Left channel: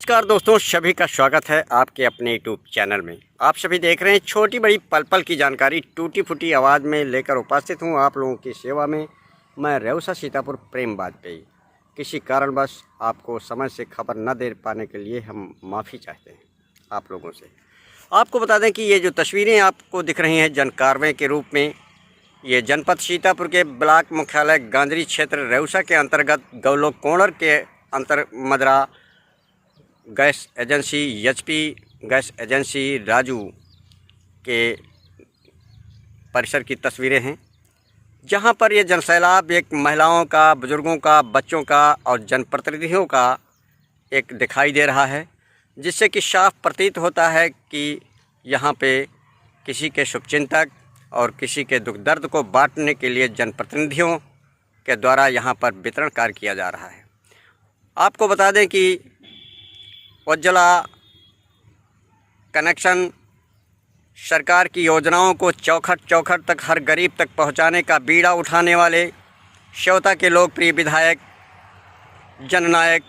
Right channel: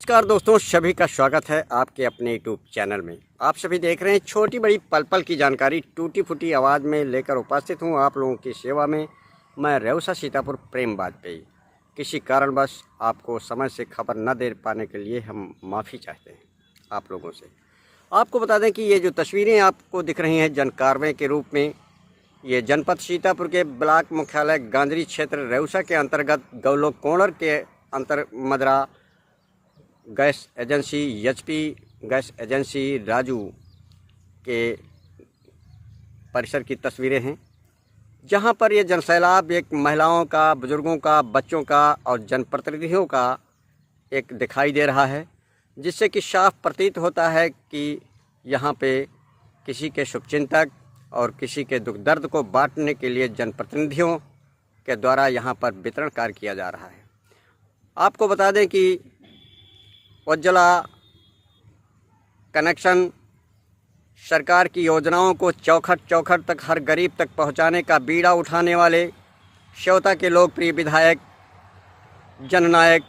नमस्कार दोस्तों, सभी का स्वागत है आपके अपने यूट्यूब चैनल में। आप सभी देख रहे हैं छोटी बड़ी पल पल की जानकारी टूटी फूटी आवाज़ में लेकर उपस्थित हूं आप लोगों की सेवा में। मैं रेउसा सीतापुर प्रेम वाजपेयी। किसी कारणवश आपको समय से खबर न दे पाने के लिए हम माफ़ी चाहते हैं आप लोगों से। आपको बता दें कि ये जो तस्वीरें आपको दिख रही हैं जन कार्रवाई के रूप में, ये जनपद सीतापुर के ब्लॉक मुख्यालय गांधरी क्षेत्र रेउसा के अंतर्गत गौलोक कोणर के मदरा gas agency HP gas agency Raju के परिसर की तस्वीरें हैं, जहां पर ये जनसैलाब एक महिलाओं का, बुजुर्गों का, बच्चों का और जनप्रतिनिधियों का एक दिखाई दे रहा है, जिससे कि साफ प्रतीत होता है कि यहां पे किसी के शुभचिंतक और किसी के दुख दर्द को बांटने के लिए जनप्रतिनिधियों के द्वारा यहां पर वितरण कार्य किया जा रहा है। आपको बता दें कि उज्ज्वला कनेक्शन सरकार की योजनाओं को चौखट चौखट तक हर गरीब तक पहुंचाने का बीड़ा उठाने वाले श्योता के लोकप्रिय विधायक, जननायक,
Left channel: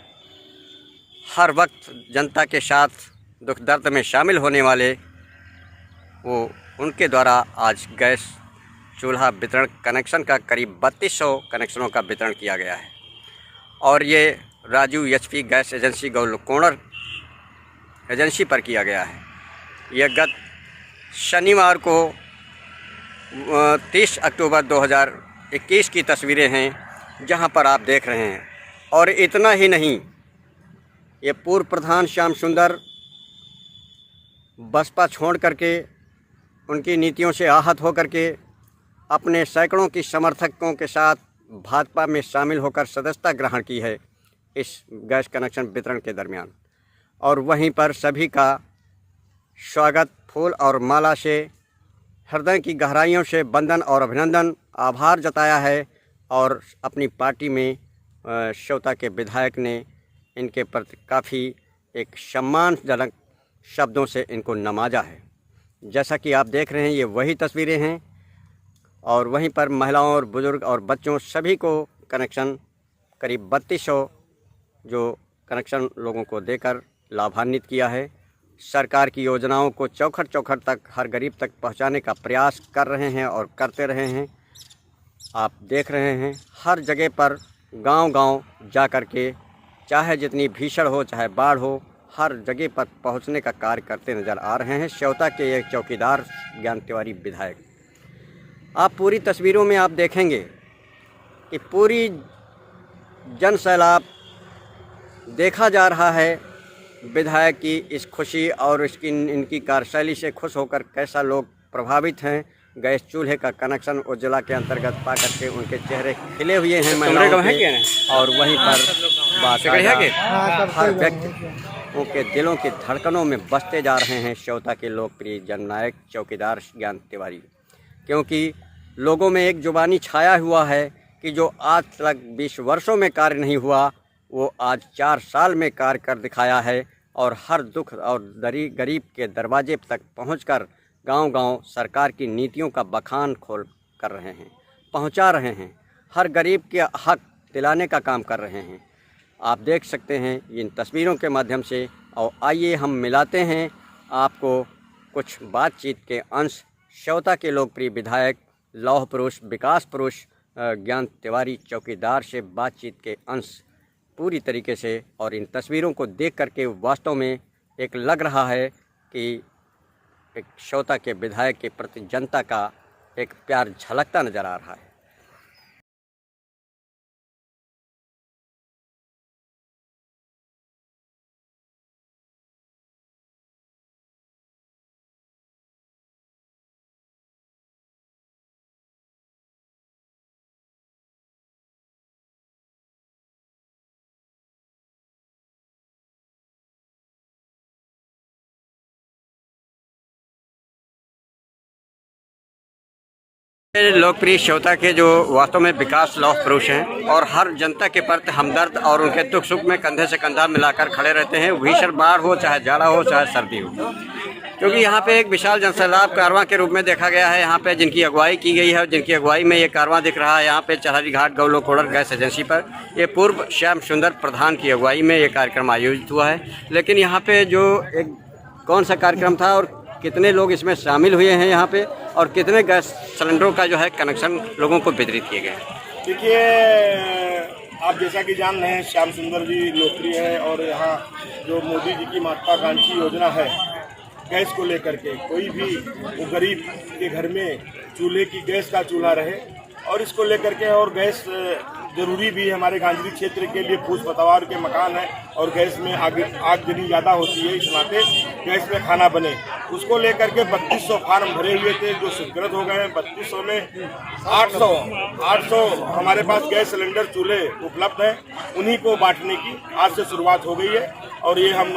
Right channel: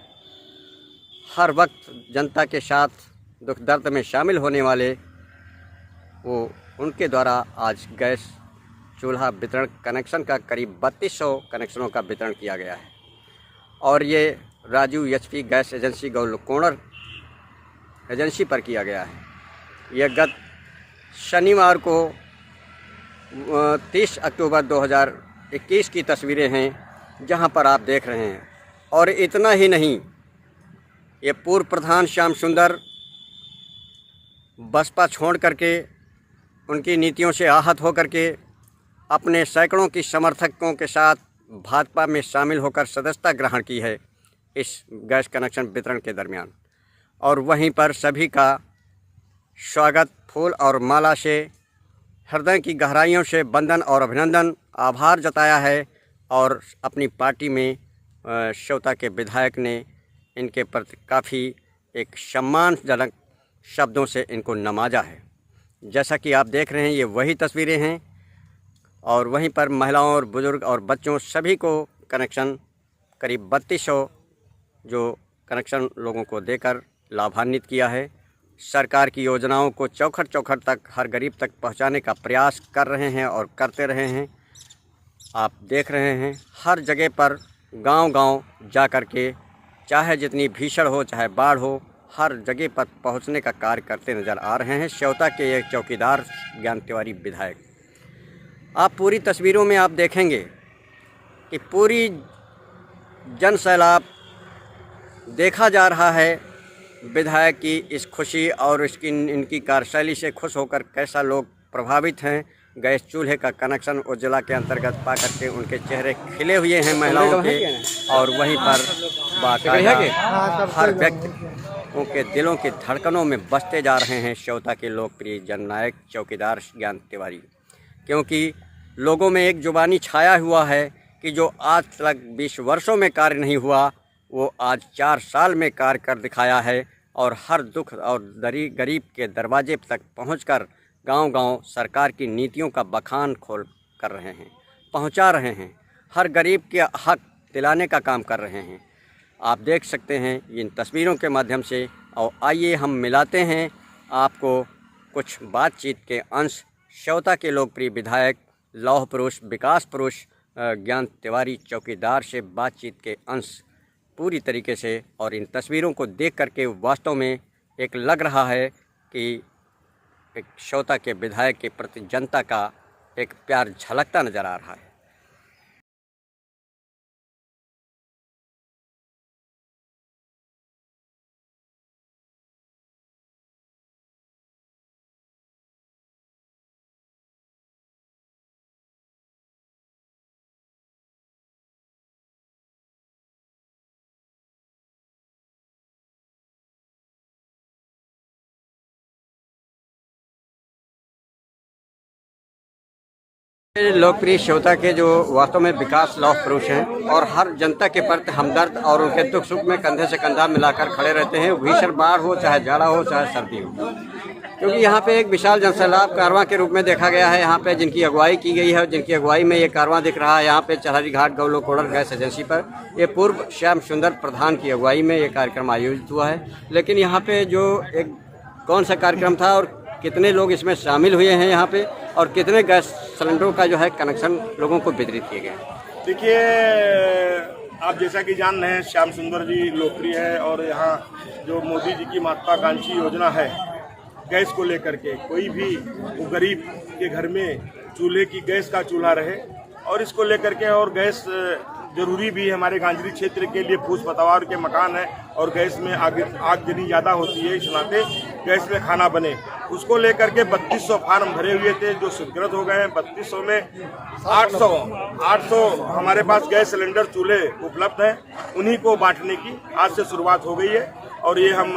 हर वक्त जनता के साथ दुख दर्द में शामिल होने वाले उनके द्वारा आज गैस चूल्हा वितरण कनेक्शन का करीब 3200 कनेक्शनों का वितरण किया गया है। और ये Raju HP gas agency Gaulok corner agency पर किया गया है। यह गत शनिवार को 30 अक्टूबर 2021 की तस्वीरें हैं, जहां पर आप देख रहे हैं। और इतना ही नहीं, ये पूर्व प्रधान श्याम सुंदर बसपा छोड़ करके, उनकी नीतियों से आहत होकर के अपने सैकड़ों की समर्थकों के साथ भाजपा में शामिल होकर सदस्यता ग्रहण की है इस गैस कनेक्शन वितरण के दरमियान। और वहीं पर सभी का स्वागत फूल और माला से, हृदय की गहराइयों से वंदन और अभिनंदन, आभार जताया है। और अपनी पार्टी में श्योता के विधायक ने इनके प्रति काफ़ी एक सम्मानजनक शब्दों से इनको नवाजा है। जैसा कि आप देख रहे हैं, ये वही तस्वीरें हैं। और वहीं पर महिलाओं और बुजुर्ग और बच्चों सभी को कनेक्शन करीब 3200 जो कनेक्शन लोगों को देकर लाभान्वित किया है। सरकार की योजनाओं को चौखट चौखट तक हर गरीब तक पहुंचाने का प्रयास कर रहे हैं और करते रहे हैं। आप देख रहे हैं हर जगह पर गांव-गांव जा कर के, चाहे जितनी भीषण हो चाहे बाढ़ हो, हर जगह पर पहुंचने का कार्य करते नज़र आ रहे हैं श्योता के एक चौकीदार ज्ञान तिवारी विधायक। आप पूरी तस्वीरों में आप देखेंगे कि पूरी जन सैलाब देखा जा रहा है विधायक की इस खुशी और इनकी कार्यशैली से खुश होकर कैसा लोग प्रभावित हैं। गैस चूल्हे का कनेक्शन उज्ज्वला के अंतर्गत पा करके उनके चेहरे खिले हुए हैं महिलाओं के। और वहीं पर हर व्यक्ति उनके दिलों की धड़कनों में बसते जा रहे हैं श्योता के लोकप्रिय जननायक चौकीदार ज्ञान तिवारी। क्योंकि लोगों में एक जुबानी छाया हुआ है कि जो आज तक 20 वर्षों में कार्य नहीं हुआ, वो आज 4 साल में कार्य कर दिखाया है। और हर दुख और गरीब के दरवाजे तक पहुंचकर गांव-गांव सरकार की नीतियों का बखान खोल कर रहे हैं, पहुंचा रहे हैं, हर गरीब के हक दिलाने का काम कर रहे हैं। आप देख सकते हैं इन तस्वीरों के माध्यम से। और आइए हम मिलाते हैं आपको कुछ बातचीत के अंश श्योता के लोकप्रिय विधायक, लौह पुरुष, विकास पुरुष ज्ञान तिवारी चौकीदार से बातचीत के अंश पूरी तरीके से। और इन तस्वीरों को देख करके वास्तव में एक लग रहा है कि एक श्योता के विधायक के प्रति जनता का एक प्यार झलकता नज़र आ रहा है। लोकप्रिय श्योता के जो वास्तव में विकास लौह पुरुष हैं और हर जनता के प्रति हमदर्द और उनके दुख सुख में कंधे से कंधा मिलाकर खड़े रहते हैं। भीषण बाढ़ हो, चाहे जाड़ा हो, चाहे सर्दी हो। क्योंकि यहाँ पे एक विशाल जनसैलाब कारवां के रूप में देखा गया है। यहाँ पे जिनकी अगुवाई की गई है और जिनकी अगुवाई में ये कारवां दिख रहा है यहाँ पे चरहरी घाट गौलोक कोड़र गैस एजेंसी पर, ये पूर्व श्याम सुंदर प्रधान की अगुवाई में ये कार्यक्रम आयोजित हुआ है। लेकिन यहाँ पे जो एक कौन सा कार्यक्रम था और कितने लोग इसमें शामिल हुए हैं यहाँ पे, और कितने गैस सिलेंडरों का जो है कनेक्शन लोगों को वितरित किए गए हैं। देखिए, आप जैसा कि जान रहे हैं, श्याम सुंदर जी लोकप्रिय है और यहाँ जो मोदी जी की महत्वाकांक्षी योजना है गैस को लेकर के, कोई भी वो गरीब के घर में चूल्हे की गैस का चूल्हा रहे और इसको लेकर के, और गैस जरूरी भी है हमारे गांजरी क्षेत्र के लिए। फूस पतवार के मकान है और गैस में आगजनी ज़्यादा होती है, इस नाते गैस में खाना बने, उसको लेकर के 3200 फार्म भरे हुए थे जो स्वीकृत हो गए हैं। 3200 में 800 हमारे पास गैस सिलेंडर चूल्हे उपलब्ध हैं, उन्हीं को बांटने की आज से शुरुआत हो गई है। और ये हम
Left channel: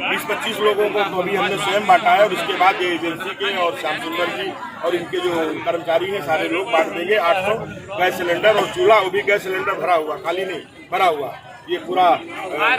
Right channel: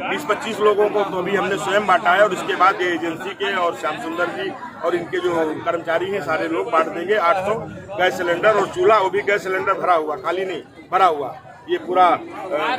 20-25 लोगों को अभी हमने स्वयं बांटा है और उसके बाद ये एजेंसी के और श्याम सुंदर जी और इनके जो कर्मचारी हैं सारे लोग बांट देंगे 800 गैस सिलेंडर और चूल्हा। वो भी गैस सिलेंडर भरा हुआ, खाली नहीं भरा हुआ, ये पूरा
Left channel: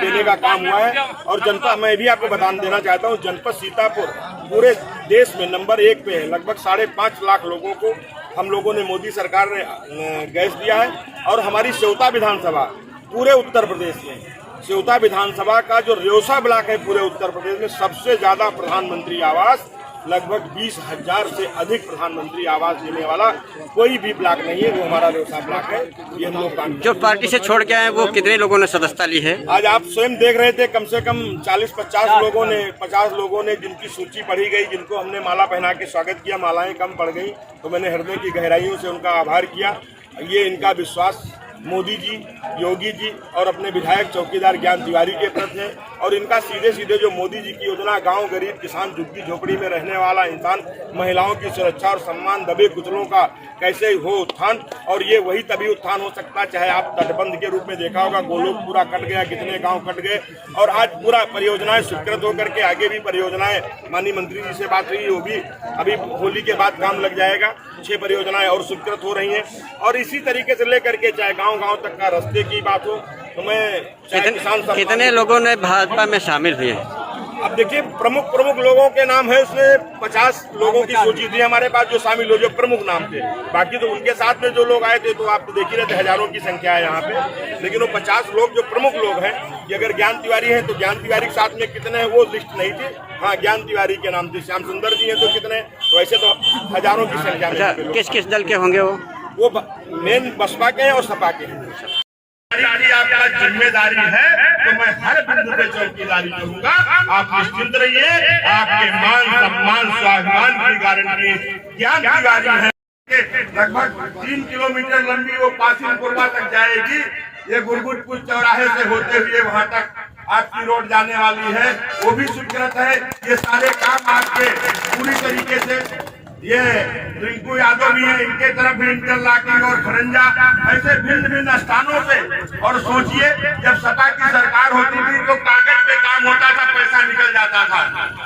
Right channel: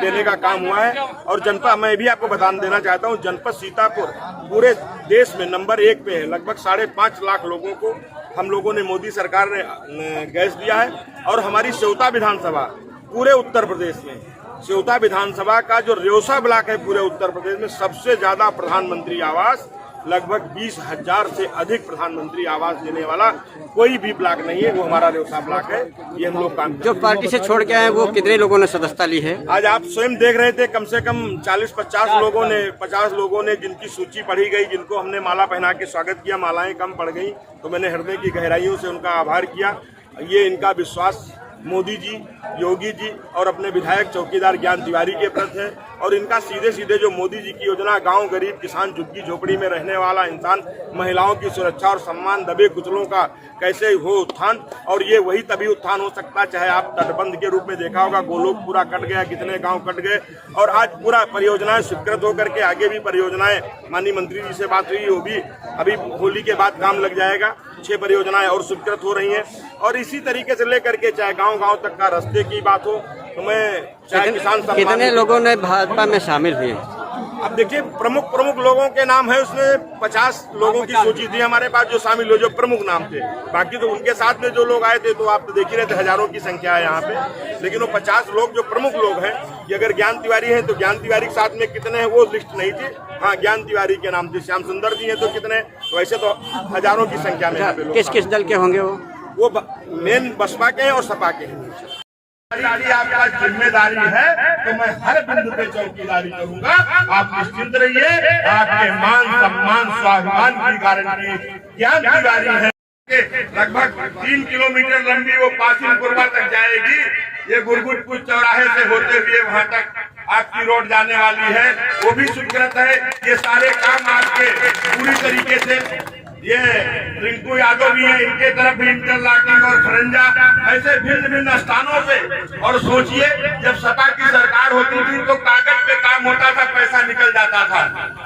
देने का काम हुआ है। और जनता, मैं भी आपको बता देना चाहता हूँ, जनपद सीतापुर पूरे देश में नंबर 1 पे है। लगभग 5.5 लाख लोगों को हम लोगों ने, मोदी सरकार ने गैस दिया है। और हमारी सेवता विधानसभा पूरे उत्तर प्रदेश में, सेवता विधानसभा का जो रेवसा ब्लॉक है पूरे उत्तर प्रदेश में सबसे ज्यादा प्रधानमंत्री आवास, लगभग 20,000 से अधिक प्रधानमंत्री आवास देने वाला कोई भी ब्लॉक नहीं है, वो हमारा रेवसा ब्लॉक है। ये हम लोग काम जो पार्टी से छोड़ के आए वो कितने लोगों ने सदस्यता ली है? आज आप स्वयं देख रहे थे, कम से कम 40-50 लोगों ने, 50 लोगों ने जिनकी सूची पढ़ी गई, जिनको हमने माला पहना के स्वागत किया। मालाएं कम पड़ गई तो मैंने हृदय की गहराइयों से उनका आभार किया। ये इनका विश्वास मोदी जी, योगी जी और अपने विधायक चौकीदार ज्ञान तिवारी के प्रति है। और इनका सीधे सीधे जो मोदी जी की योजना, गांव, गरीब, किसान, झुग्गी झोपड़ी में रहने वाला इंसान, महिलाओं की सुरक्षा और सम्मान, दबे कुचलों का कैसे हो उत्थान, और ये वही तभी उत्थान हो सकता, चाहे आप तटबंध के रूप में देखा होगा, गोलोक पूरा कट गया, कितने गांव कट गए, और आज पूरा परियोजनाएं स्वीकृत होकर के आगे भी परियोजनाएं, माननीय मंत्री जी से बात हुई, वो भी अभी होली के बाद काम लग जाएगा। 6 परियोजनाएं और स्वीकृत हो रही हैं। और इसी तरीके से लेकर के चाहे गांव तक का रास्ते की बात हो, तो मैं चाहे किसान, कितने लोगों ने भाजपा में शामिल हुए? अब देखिए, प्रमुख लोगों के नाम है, उसमें 50 लोगों की सूची थी हमारे पास जो शामिल हो, जो प्रमुख नाम थे। बाकी तो उनके साथ में जो लोग आए थे तो आप तो देख ही रहे थे, हजारों की संख्या है यहाँ पे। लेकिन वो 50 लोग जो प्रमुख लोग हैं, कि अगर ज्ञान तिवारी हैं तो ज्ञान तिवारी के साथ में कितने हैं वो लिस्ट नहीं थी। हाँ, ज्ञान तिवारी के नाम थे। श्याम सुंदर जी हैं तो कितने, तो वैसे तो हजारों की संख्या में। किस दल के होंगे वो मेन बसपा के हैं और सपा के हैं। आपका जिम्मेदारी है तो मैं हर बिंदु पे चौकीदारी करूंगा। आप निश्चिंत रहिए, आपके मान सम्मान स्वाभिमान की गारंटी ज्ञान तिवारी है। लगभग 3 किलोमीटर लंबी वो पासिंगपुरवा तक जाएगी। ये गुरगुटपुर चौराहे से होते हुए वहां तक आपकी रोड जाने वाली है, वो भी स्वीकृत है। ये सारे काम आपके पूरी तरीके से, ये रिंकू यादव भी है, इनके तरफ भी इंटरलॉकिंग और खरंजा, ऐसे भिन्न स्थानों पे। और सोचिए, जब सपा की सरकार होती थी तो कागज पे काम होता था, पैसा निकल जाता था,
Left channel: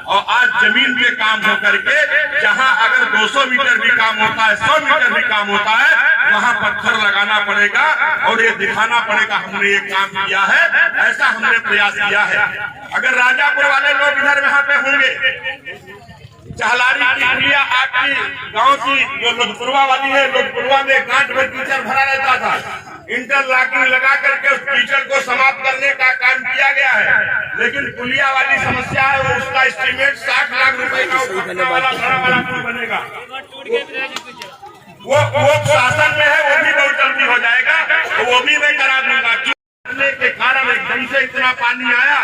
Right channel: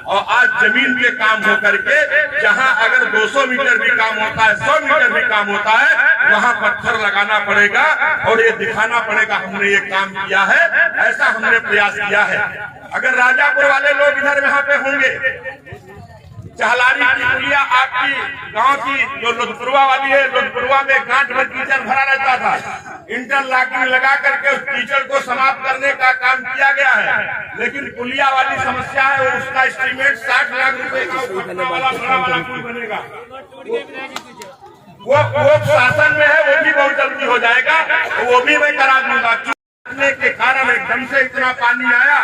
और आज जमीन पे काम हो करके, जहां अगर 200 मीटर भी काम होता है, 100 मीटर भी काम होता है, वहां पत्थर लगाना पड़ेगा और ये दिखाना पड़ेगा हमने ये काम किया है, ऐसा हमने प्रयास किया है। अगर राजापुर वाले लोग इधर यहाँ पे होंगे, चहलारी की पुलिया आपकी गांव की जो लोधपुरवा वाली है, लोधपुरवा में गांठ भर कीचड़ भरा रहता था, इंटरलॉकिंग लगा करके उस कीचड़ को समाप्त करने का काम किया गया है। लेकिन पुलिया वाली समस्या है और उसका एस्टीमेट 60 लाख रुपए का बनेगा। वो शासन में है, वो भी बहुत जल्दी हो जाएगा, वो भी मैं करा दूंगा। के कारण एकदम से इतना पानी आया,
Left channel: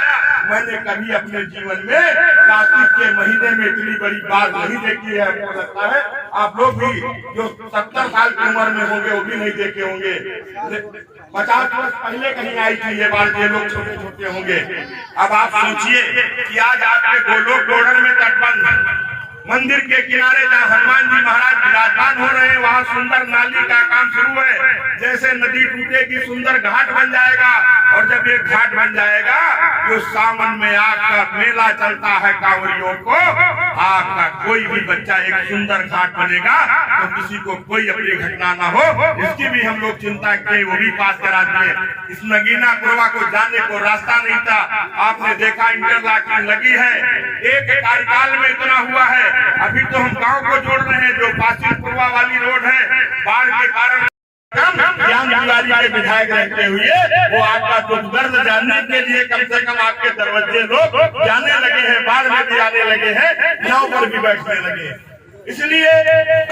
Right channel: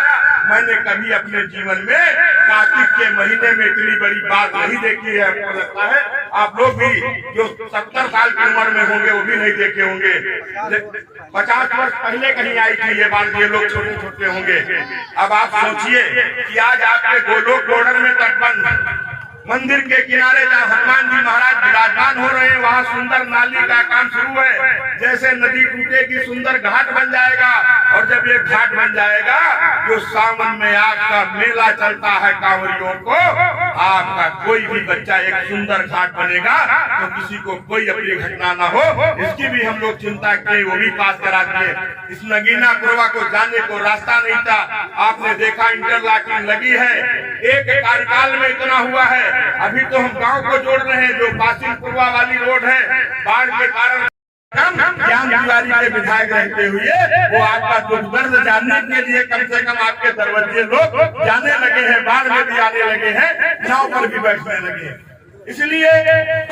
मैंने कभी अपने जीवन में कार्तिक के महीने में इतनी बड़ी बात नहीं देखी है। आपको लगता है, आप लोग भी जो 70 साल की उम्र में होंगे वो भी नहीं देखे होंगे। 50 वर्ष पहले कहीं आई थी ये बात, ये लोग छोटे छोटे होंगे। अब आप सोचिए कि आज आपके गोलोक कोड़र में तटबंध मंदिर के किनारे जहाँ हनुमान जी महाराज विराजमान हो रहे हैं, वहाँ सुंदर नाली का काम शुरू है। जैसे नदी टूटेगी, सुंदर घाट बन जाएगा, और जब ये घाट बन जाएगा, जो सावन में आपका मेला चलता है कांवरियों को, आपका कोई भी बच्चा एक सुंदर घाट बनेगा तो किसी को कोई अप्रिय घटना ना हो, इसकी भी हम लोग चिंता किए, वो भी पास करा दिए। इस नगीना कुरवा को जाने को रास्ता नहीं था, आपने देखा इंटरलॉकिंग लगी है, एक कार्यकाल में इतना हुआ है। अभी तो हम गांव को जोड़ रहे हैं, जो बासिल कुरवा वाली रोड है, बाढ़ के कारण ज्ञान तिवारी के विधायक रहते हुए वो आपका दुख दर्द जानने के लिए कम से कम आपके दरवाजे लोग जाने लगे हैं, बाढ़ में भी आने लगे हैं, नाव पर भी बैठने लगे हैं। इसलिए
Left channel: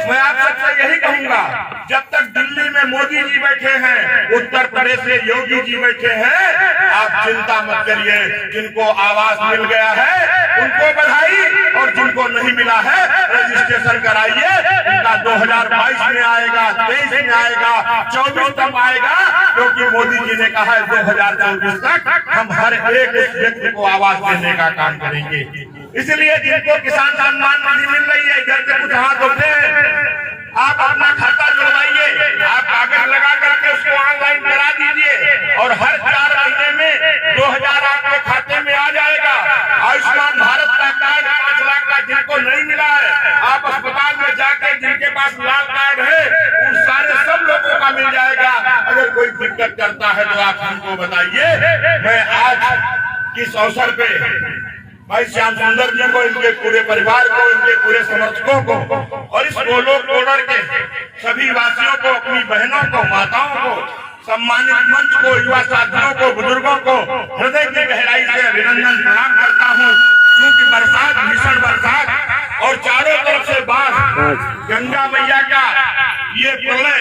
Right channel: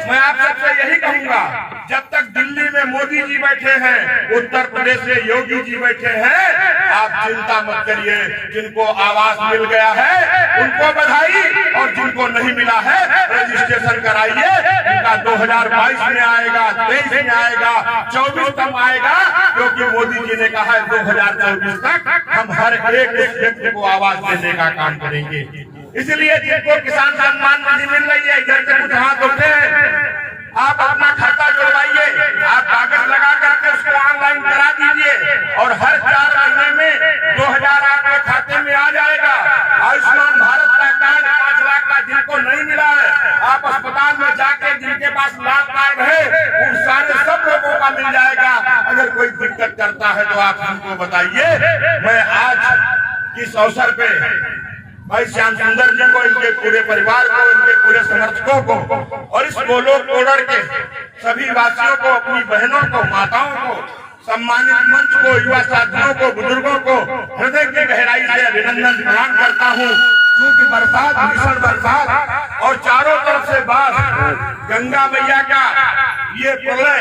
मैं आप सबसे यही कहूंगा, जब तक दिल्ली में मोदी जी बैठे हैं, उत्तर प्रदेश में योगी जी बैठे हैं, आप चिंता मत करिए। जिनको आवास मिल गया है उनको बधाई, और जिनको नहीं मिला है रजिस्ट्रेशन कराइए। इनका 2022 में आएगा, 23 में आएगा, 24 तक आएगा, क्योंकि मोदी जी ने कहा है 2024 तक हम हर एक व्यक्ति को आवास देने का काम करेंगे। इसलिए जिनको किसान सम्मान निधि मिल रही है, इधर से कुछ हाथ उठे, आप अपना खाता जुड़वाइए, आप कागज लगा करके उसको ऑनलाइन करा दीजिए, और हर 4 महीने में 2000 आपके खाते में आ जाएगा। आयुष्मान भारत का कार्ड 5 लाख का जिनको नहीं मिला है, आप अस्पताल में जाके जिनके पास लाल कार्ड है, उन सारे सब लोगों का मिल जाएगा। अगर कोई दिक्कत करता है तो आप हमको बताइए। मैं आज इस अवसर पे भाई श्याम सुंदर जी को, इनके पूरे परिवार को, इनके पूरे समर्थकों को, और इस गोलोक बॉर्डर के सभी वासियों को, अपनी बहनों को, माताओं को, सम्मानित मंच को, युवा साथियों को, बुजुर्गों को हृदय की गहराई से अभिनंदन प्रणाम करता हूँ। क्योंकि बरसात, भीषण बरसात और चारों तरफ से बाढ़, गंगा मैया का ये प्रलय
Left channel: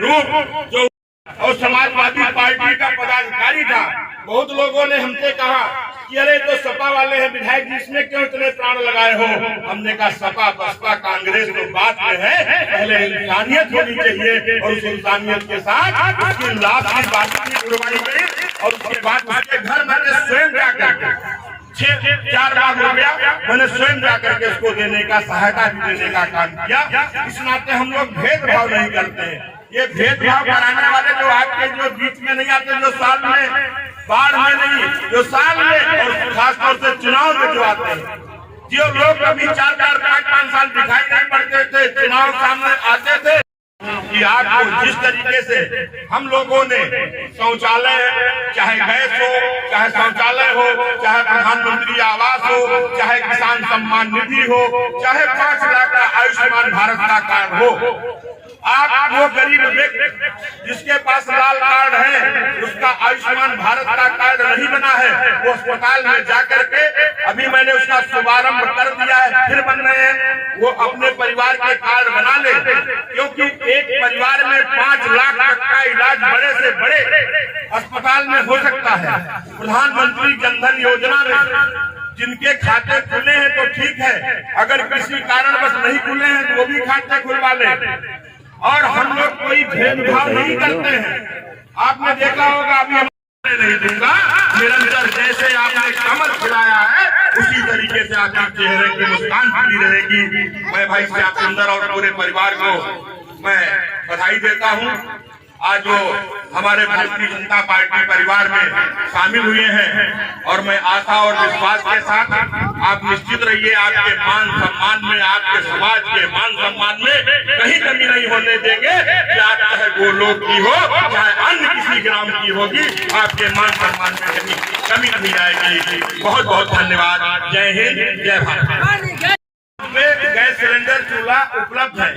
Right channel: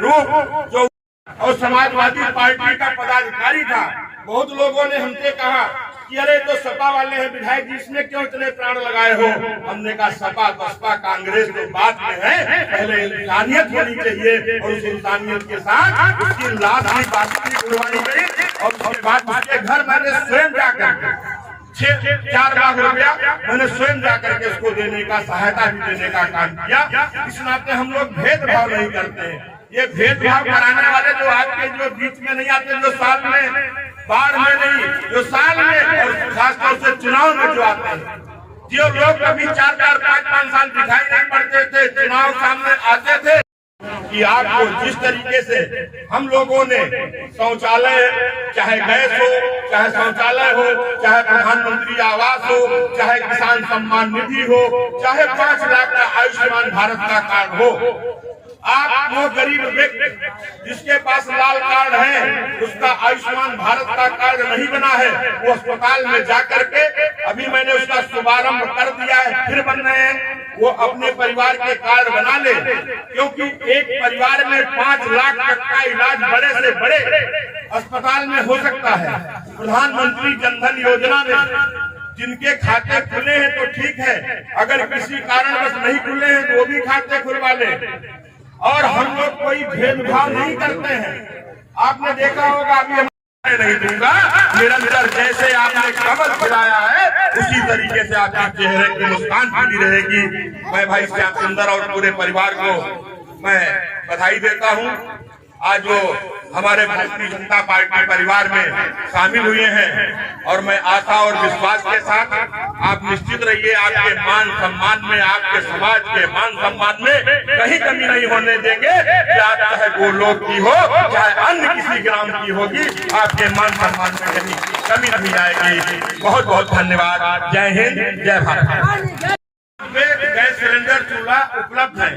रूप जो, और समाजवादी पार्टी का पदाधिकारी था, बहुत लोगों ने हमसे कहा कि अरे तो सपा वाले हैं विधायक जी, इसमें क्यों इतने प्राण लगाए हो। हमने कहा सपा बसपा कांग्रेस तो बात में है, पहले इंसानियत होनी चाहिए, और उस इंसानियत के साथ उसकी लाश की बातचीत करवाई गई, और उसके बाद उसके घर मैंने स्वयं जाकर के 4 लाख रुपया मैंने स्वयं जाकर के उसको देने का, सहायता भी देने का काम किया। इस नाते हम लोग भेदभाव नहीं करते हैं। ये भेदभाव कराने वाले जो आपके जो बीच में नहीं आते, जो साल में बाढ़ में नहीं, जो साल में और खासतौर से चुनाव में जो आते हैं, जो लोग कभी 4-4, 5-5 साल दिखाई नहीं पड़ते थे, चुनाव सामने आते थे, कि आपको जिस तरीके से हम लोगों ने शौचालय, चाहे गैस हो, चाहे शौचालय हो, चाहे प्रधानमंत्री आवास हो, चाहे किसान सम्मान निधि हो, चाहे 5 लाख का आयुष्मान भारत का कार्ड हो, आप वो गरीब व्यक्ति जिसके पास लाल कार्ड है, उसका आयुष्मान भारत का कार्ड नहीं बना है, वो अस्पताल में जाकर के, अभी मैंने उसका शुभारंभ कर दिया है, फिर बन रहे हैं, वो अपने परिवार के कार्ड बना ले। क्योंकि एक परिवार में 5 लाख तक का इलाज बड़े से बड़े अस्पताल में हो सकता है। प्रधानमंत्री जन धन योजना में जिनके खाते खुले हैं तो ठीक है, अगर किसी कारणवश नहीं खुले हैं तो वो भी खाते खुलवा ले। और हम लोग कोई भेदभाव नहीं करते हैं। आपने देखा होगा, अभी हम नहीं दूंगा, निरंतर जैसे आपने कमल खिलाया है उसी तरीके से आपके चेहरे की मुस्कान बनी रहेगी। मैं भाई श्याम सुंदर और पूरे परिवार को मैं बधाई देता हूं। आज जो हमारे भारतीय जनता पार्टी परिवार में शामिल हुए हैं, और मैं आशा और विश्वास के साथ आप निश्चित रहिए, आपके मान सम्मान में, आपके समाज के मान सम्मान में कहीं कमी नहीं होने देंगे। चाहे गोलोक की हो, चाहे अन्य किसी ग्राम की होगी, आपके मान सम्मान में कमी नहीं आएगी। बहुत बहुत धन्यवाद। जय हिंद, जय भारत। गैस सिलेंडर चूल्हा उपलब्ध है।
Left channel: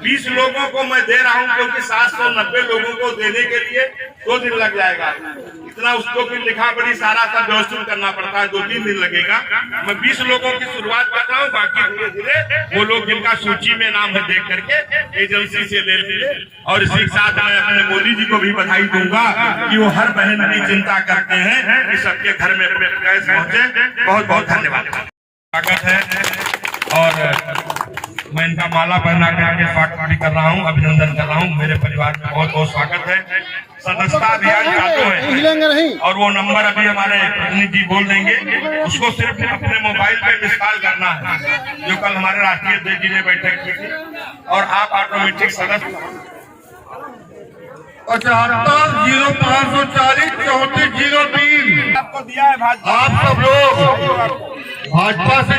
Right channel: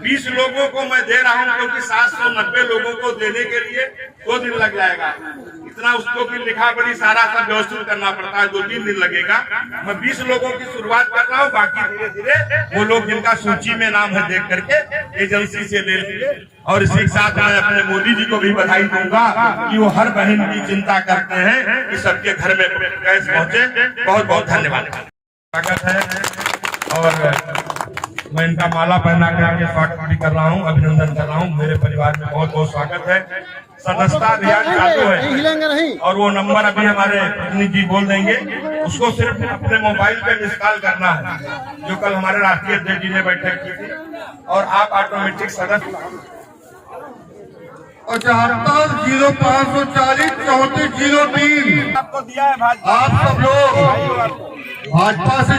20 लोगों को मैं दे रहा हूं, क्योंकि 790 लोगों को देने के लिए 2 दिन लग जाएगा। इतना उसको फिर लिखा पड़ी, सारा सब व्यवस्थित करना पड़ता है, 2-3 दिन लगेगा। मैं 20 लोगों की शुरुआत कर रहा हूँ, बाकी धीरे धीरे वो लोग जिनका सूची में नाम है देख करके एजेंसी से ले लीजिए। और इसी साथ मैं अपने मोदी जी को भी बधाई दूंगा कि वो हर बहन की चिंता करते हैं कि सबके घर में गैस पहुंचे। बहुत बहुत धन्यवाद। स्वागत है, और मैं इनका माला पहना करके स्वागत भी कर रहा हूँ, अभिनंदन कर रहा हूँ। मेरे परिवार में बहुत बहुत स्वागत है। सदस्यता अभियान चालू है, और वो नंबर अभी हमारे प्रतिनिधि बोल देंगे, उसको सिर्फ अपने मोबाइल पे इंस्टॉल करना है, जो कल हमारे राष्ट्रीय अध्यक्ष जी ने बैठक की थी, और आप ऑटोमेटिक सदस्य 75-0540 3403 आपको दिया है भाजपा। आप सब लोग भाजपा से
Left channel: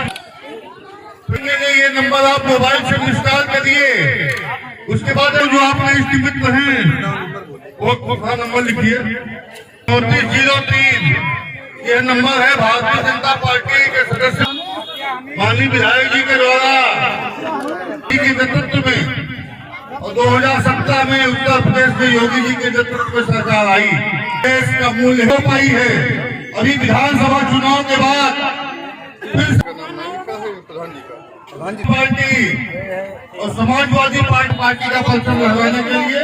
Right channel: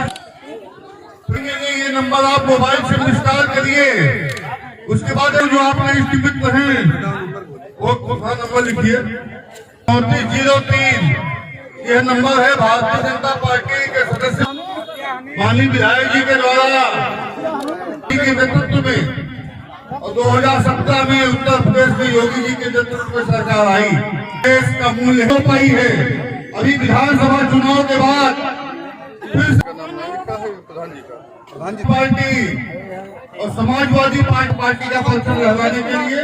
ये नंबर आप मोबाइल से इंस्टॉल करिए। उसके बाद जो आपने इस्टीमेट में है वो दूसरा नंबर लिखिए 3403। यह नंबर है भारतीय जनता पार्टी के सदस्य माननीय विधायक जी के द्वारा के नेतृत्व में, और 2017 में उत्तर प्रदेश में योगी जी के नेतृत्व में सरकार आई। देश का मूल्य हो पाई है। अभी विधानसभा चुनाव के बाद फिर पार्टी और समाजवादी पार्टी का पलटन लगाने के लिए